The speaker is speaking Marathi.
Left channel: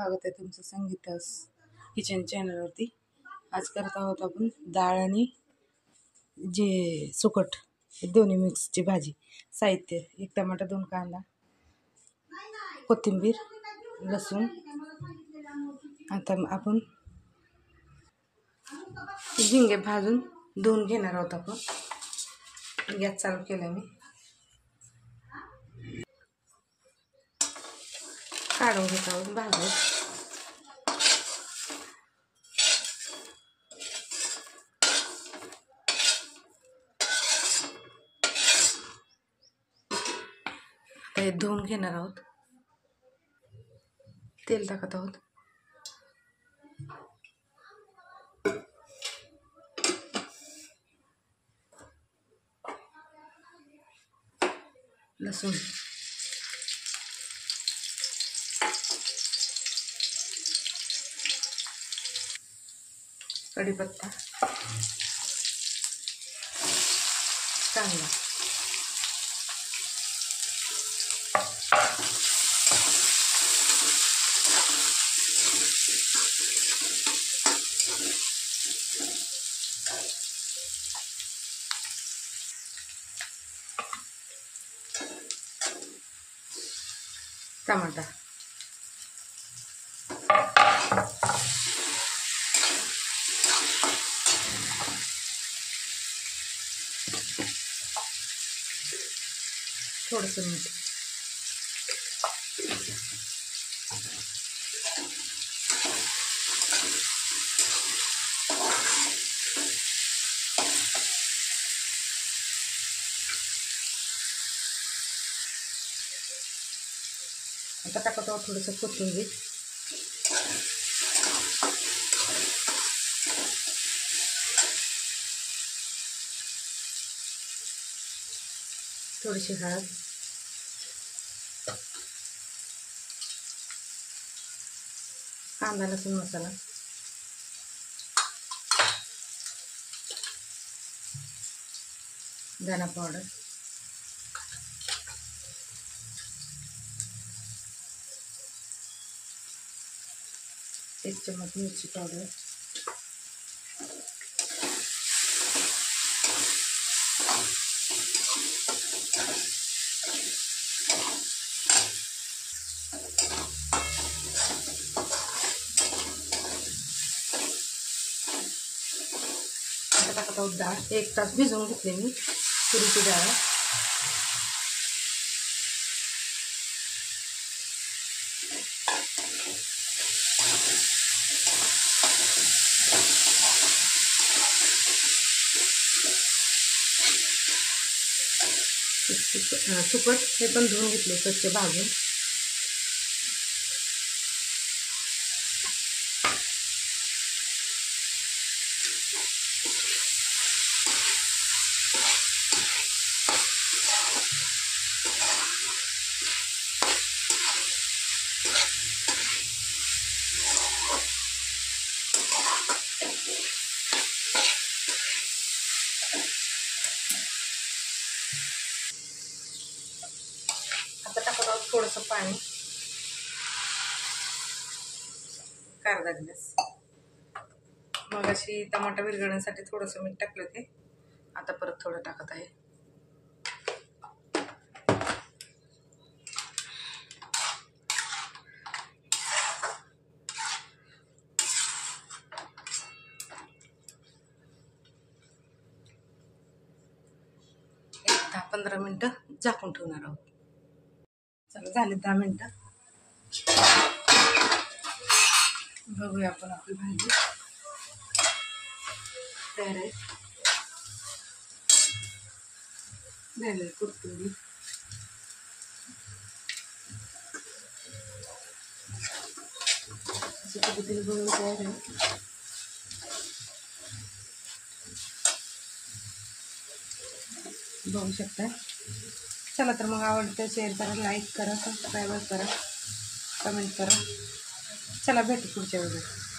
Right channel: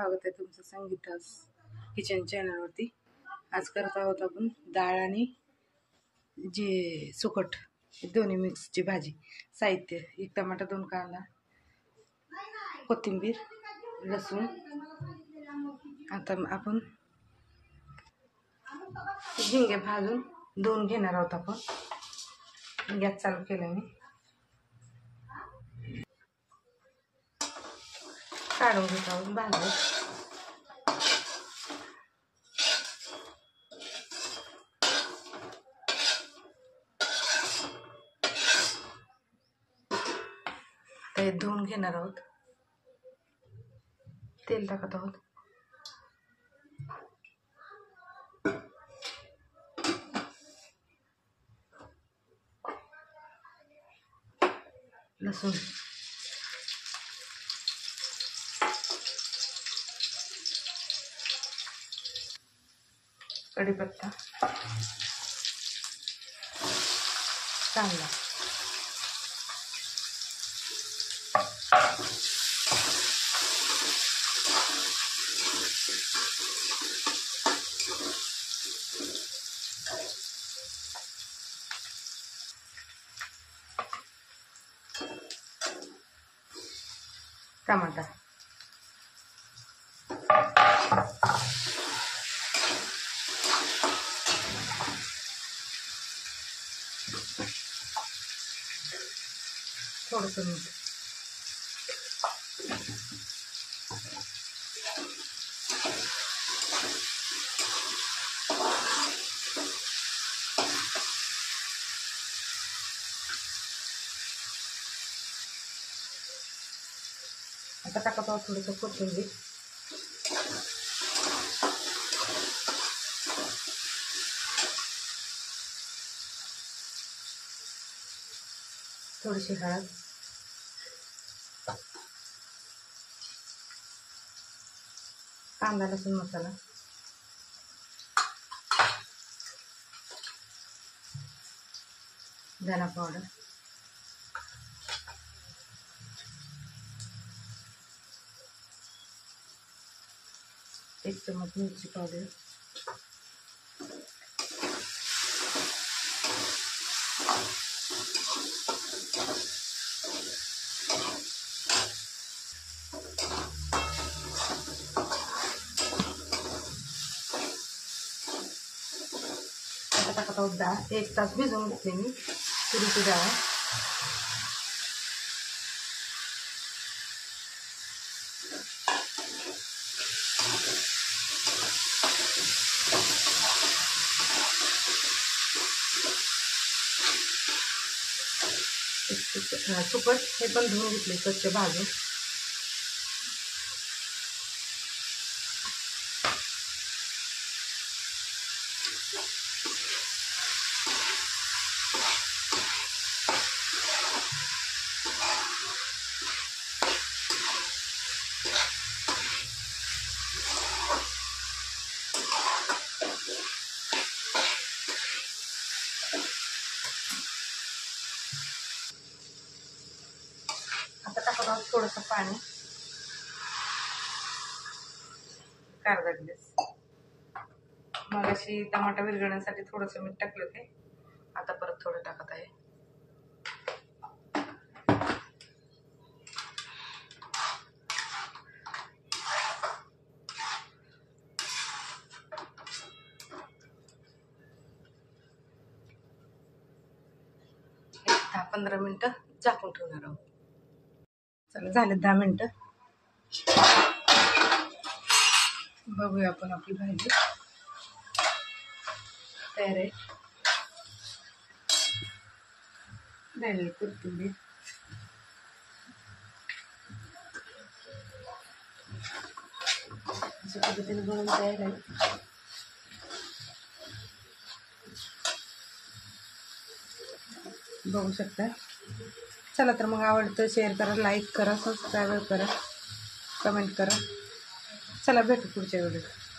स्वागत आहे तुमचं संगीतास किचन चॅनलवरती। आज करत आहोत आपण डाळ आणि जे सुकट दोन्ही मिक्सची भाजी। साहित्य: 1 टमाटा, 2 कांदा, कोथिंबीर, लसूण। आता आपण झिंगे भाजून धुवून घेणार आहोत। आपण गॅस चालू केला, मी काढून घेत आहोत भाजून। ते धुवून घेणार आहोत। तेल टाकत आहोत। लसूण, कढीपत्ता, कांदा, टमाटा, थोडंसं मीठ, आता टाकत आहोत थोडंसं कोथिंबीर, थोडीशी हळद, कांदा लसूण मसाला, धना पावडर, एक चम्मच मिरची पावडर, टाकत आहोत डाळ। 1 तास भिजवून घेतली मी तुरीची डाळ। सुकट हे पण धुवून घेतले स्वच्छ भाजून। आता टाकत आहोत थोडंसं पाणी, अर्धा ग्लास। मग अशी टमाटा विरघळण्यासाठी थोडंसं मीठ टाकलं ते, आता परत थोडं टाकत आहे। एक 10-15 मिनिटं झाकून ठेवणार आहोत। चला, झाले 10 मिनिटं। बघूया आपण, आपली भाजी तयार आहे। झालेली कोथिंबीर, अशा पद्धतीने बनवून तयार आहे। बघू शकता। चला तर मग, आवडतं शेअर करा, लाईक करा, सबस्क्राईब करा, कमेंट करा। चला, भेटू पुढच्या व्हिडिओत।